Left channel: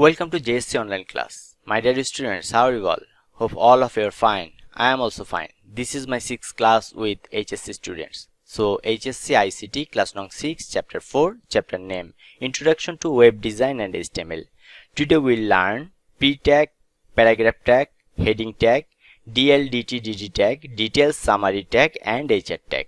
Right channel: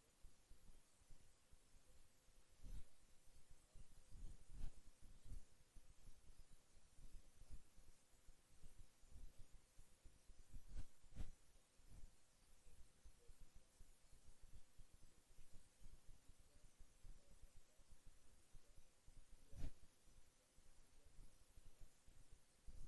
Welcome to JSC online class. My dear students, how are you all? Hope all of you are fine. I am also fine. This is my 6th class with HSC students. So HSC ICT class number 6 chapter 4 chapter name Introduction to Web Design and HTML. Today we'll learn pre-tag, paragraph tag, heading tag, DL/DT DD tag, details summary tag and HR tag.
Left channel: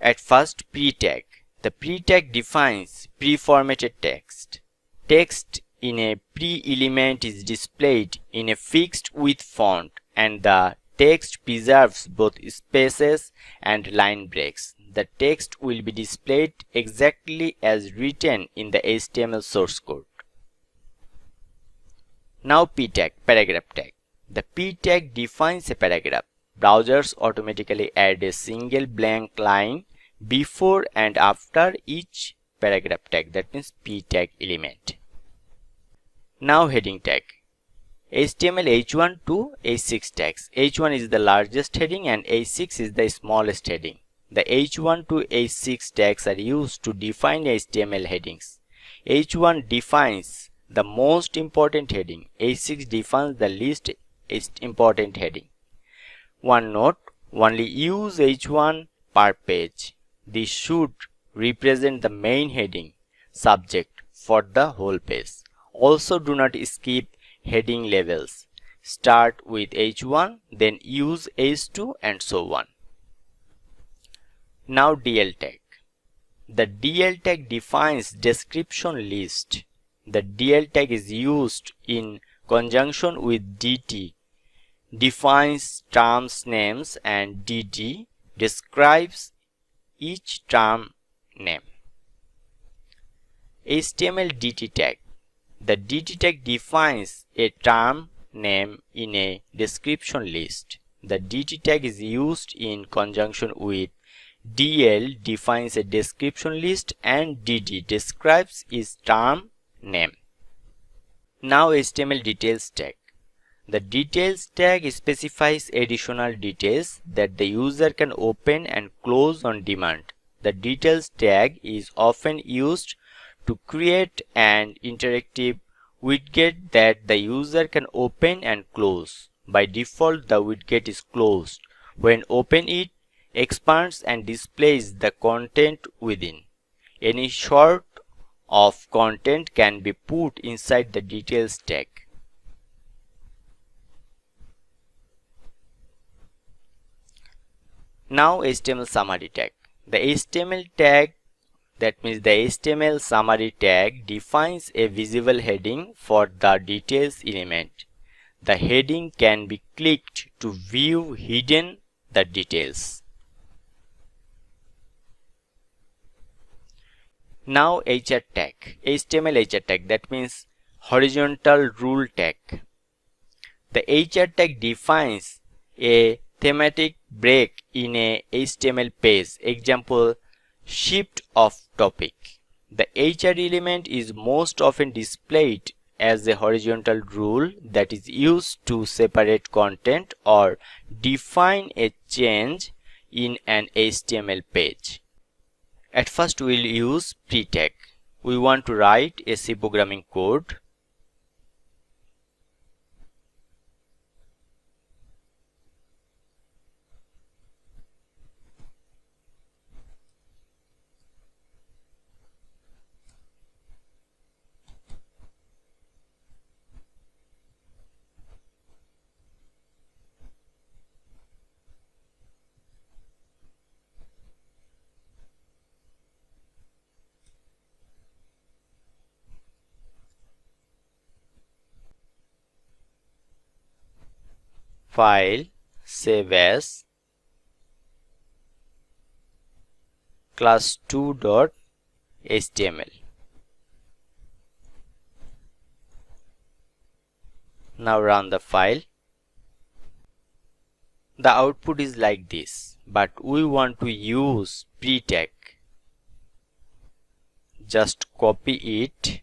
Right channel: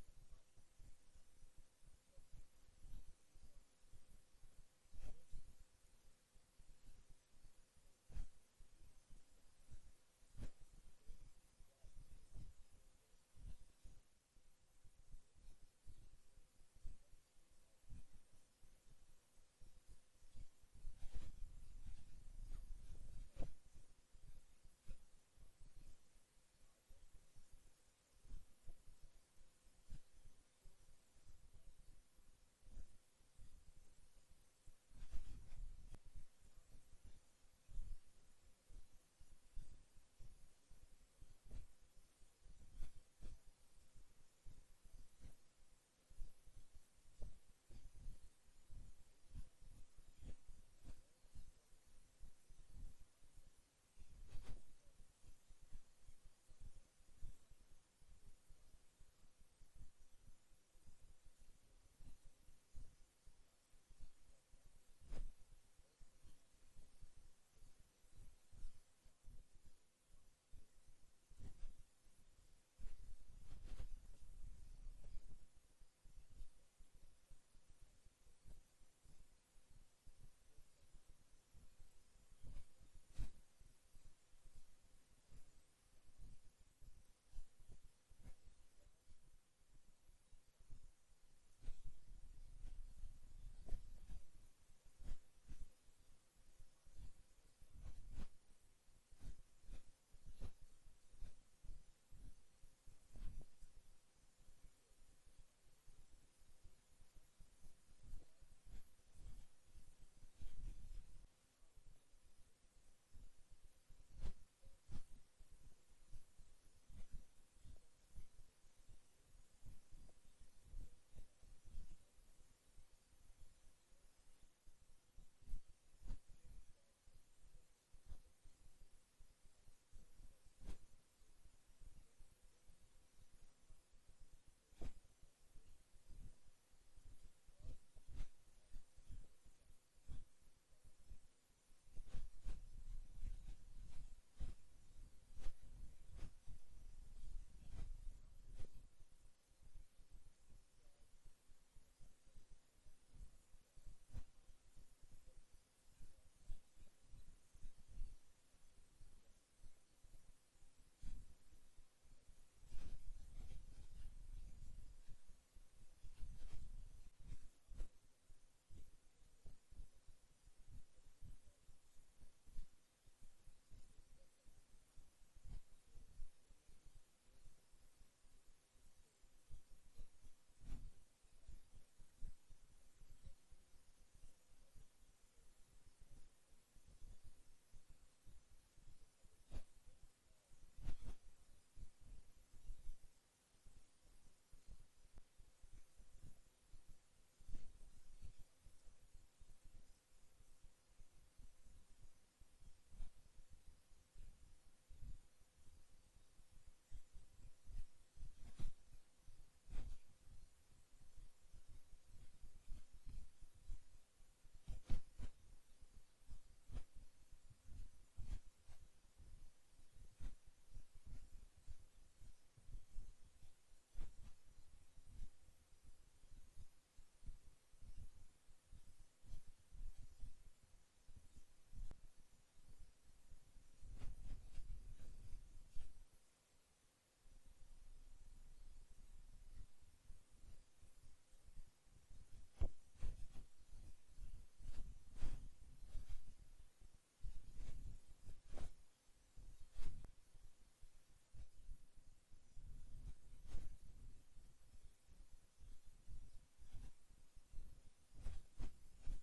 At first, pre-tag. The pre-tag defines pre-formatted text. Text in a pre-element is displayed in a fixed width font and the text preserves both spaces and line breaks. The text will be displayed exactly as written in the HTML source code. Now p-tag, paragraph tag. The p-tag defines a paragraph. Browsers automatically add a single blank line before and after each paragraph tag, that means p-tag element. Now heading tag. HTML H1 to H6 tags. H1 is the largest heading and H6 is the smallest heading. The H1 to H6 tags are used to define HTML headings. H1 defines the most important heading. H6 defines the least important heading. One note, only use H1 per page. This should represent the main heading subject for the whole page. Also, do not skip heading labels. Start with H1, then use H2 and so on. Now DL tag. The DL tag defines description list. The DL tag is used in conjunction with DT. Defines terms names and DT describes each term name. HTML DT tag. The DT tag defines a term name in a description list. The DT tag is used in conjunction with DL defines a description list and DD describes its term name. Now HTML details tag. The details tag specifies additional details that the user can open and close on demand. The details tag is often used to create an interactive widget that the user can open and close. By default, the widget is closed. When open, it expands and displays the content within. Any sort of content can be put inside the details tag. Now HTML summary tag. The HTML tag, that means the HTML summary tag, defines a visible heading for the details element. The heading can be clicked to view hidden the details. Now HR tag. HTML HR tag, that means horizontal rule tag. The HR tag defines a thematic break in a HTML page. Example, shift of topic. The HR element is most often displayed as a horizontal rule that is used to separate content or define a change in an HTML page. At first, we'll use pre-tag. We want to write a C programming code. File, save as, class2.html. Now run the file. The output is like this, but we want to use pre-tag. Just copy it,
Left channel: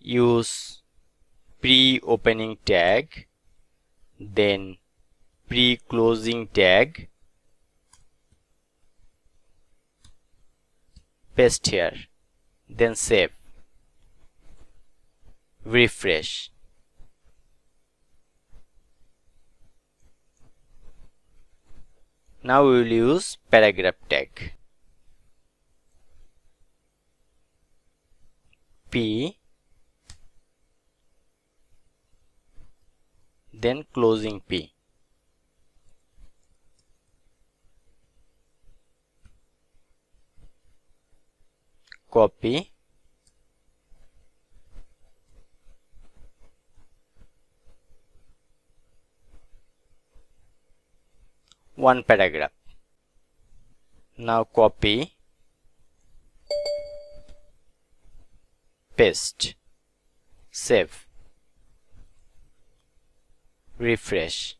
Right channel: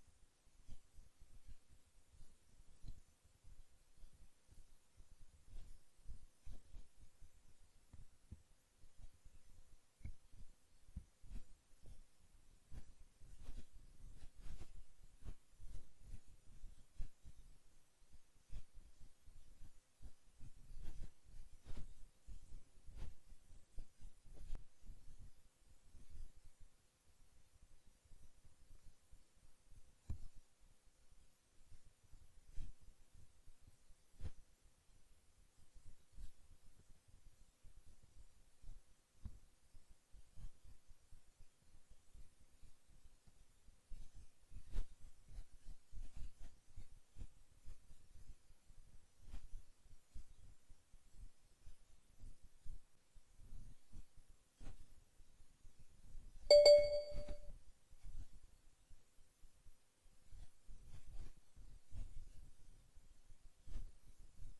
use pre-opening tag, then pre-closing tag, paste here, then save. refresh. Now we will use paragraph tag. P, then closing P. Copy, one paragraph. Now copy, paste, save, refresh.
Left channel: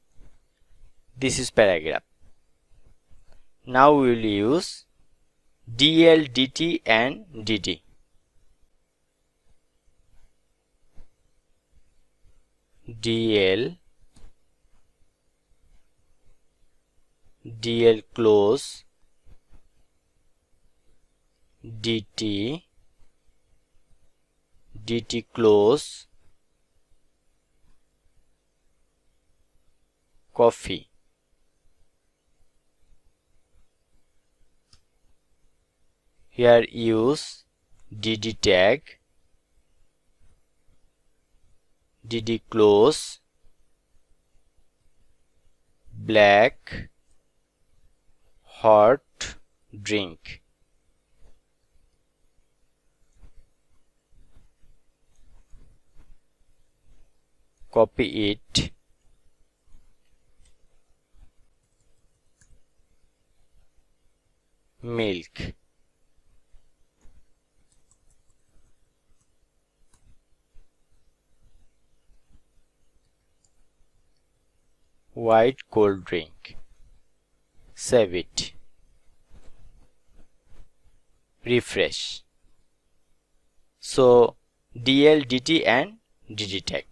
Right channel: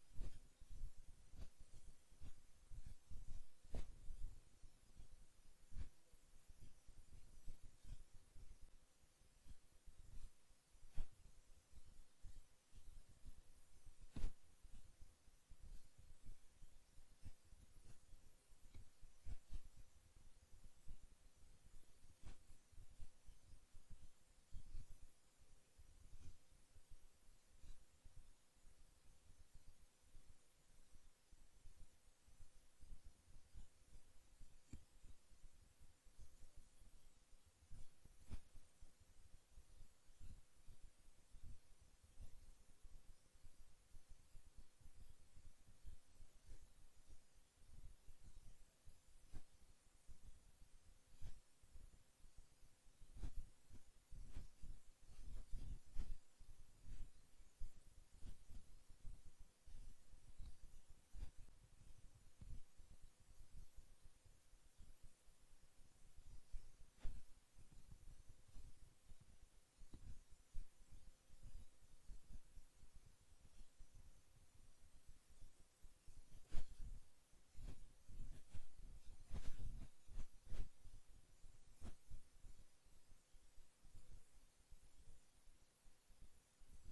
This is paragraph. Now we will use DL, DT and DD. DL, DL close, DT, DT close, coffee. Here use DD tag, DD close, black, hot drink. Copy it, milk, white cold drink. Save it, refresh. So DL, DT and DD tag.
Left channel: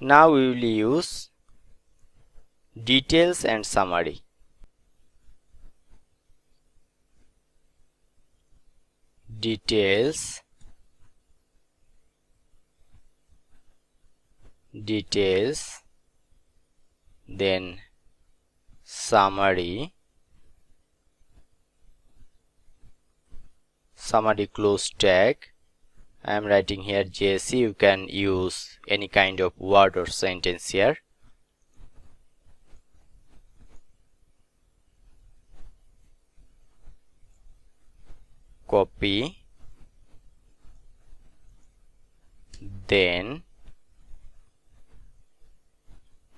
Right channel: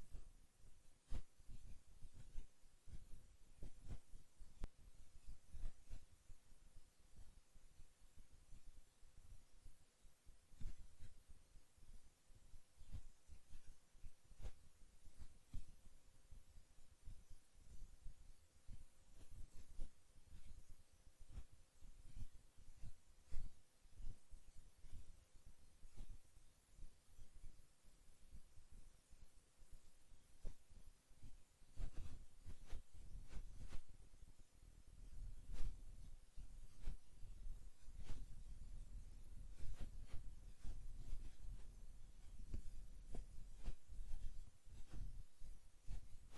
Now we will use details and summary. Details, details, then summary, summary close tag. I am writing here JC. You can use any kind of word or sentence here. Copy, then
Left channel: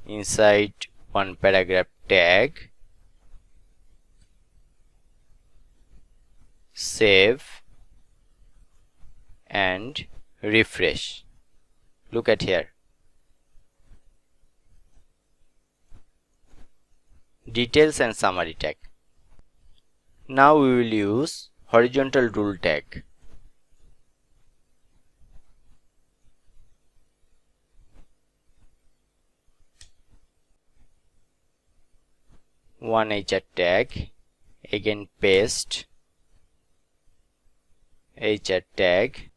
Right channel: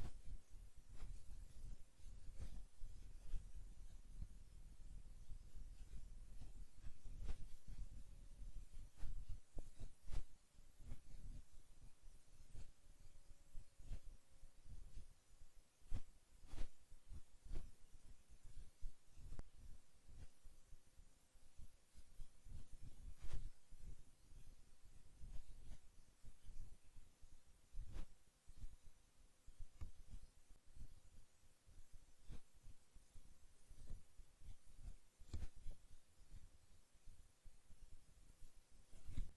inside one paragraph tag, save and refresh. Look at here, details and summary tag. Now we will use horizontal rule tag. One HR tag, again paste, HR tag,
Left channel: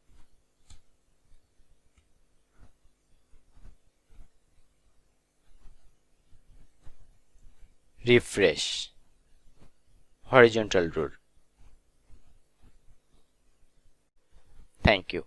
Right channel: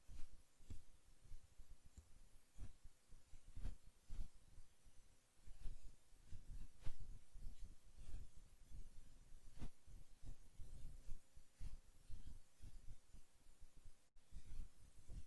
refresh, horizontal rule. Thank you.